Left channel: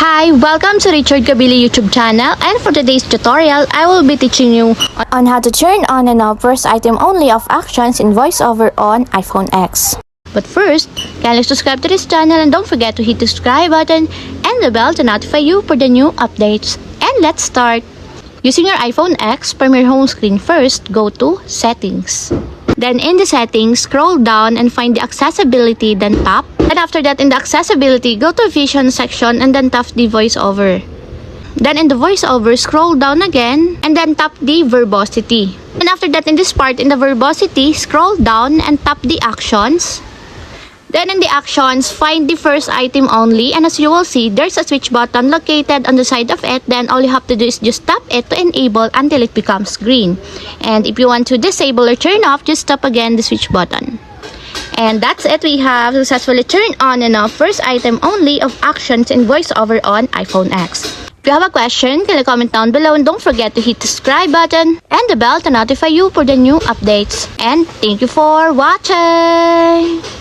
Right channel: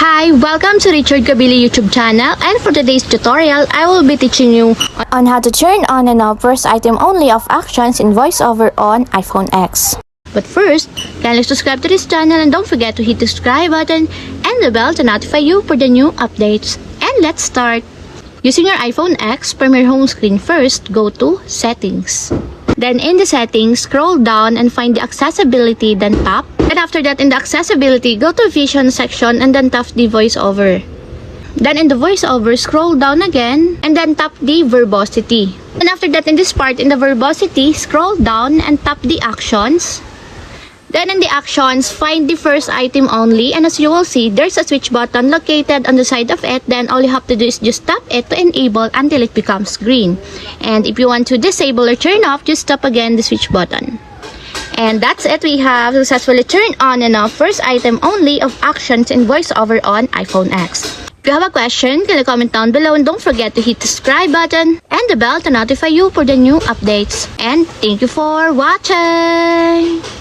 Hi, welcome to Richard Kabili YouTube channel, and for today's tutorial, I will be teaching you on how to turn on and off first item only of actions in voiceover on iPhone X. But first, kindly subscribe to this channel and don't forget to hit the subscribe button and the bell to notify you for the new updates. And let's start. Using your iPhone X, from your home screen first, go to Settings. Then in the settings, scroll down and find the accessibility, then tap. And after that, in the accessibility, go to vision section and then tap the voiceover. Then in the voiceover, scroll down again and then tap the verbosity. And after that, in this part, in the verbosity, scroll down and tap the actions. Then in the actions, find the first item only, and as you will see, there's a switch button located on the side of it. Then all you have to do is just tap it to enable until it becomes green. And if you want to disable or turn off, just tap again the switch button. And that's it. We have successfully turned on and off first item only of actions in voiceover on iPhone X. If you have a question, can you comment down below, and don't forget to hit the subscribe button and the bell to notify you for the new updates. And thank you for watching!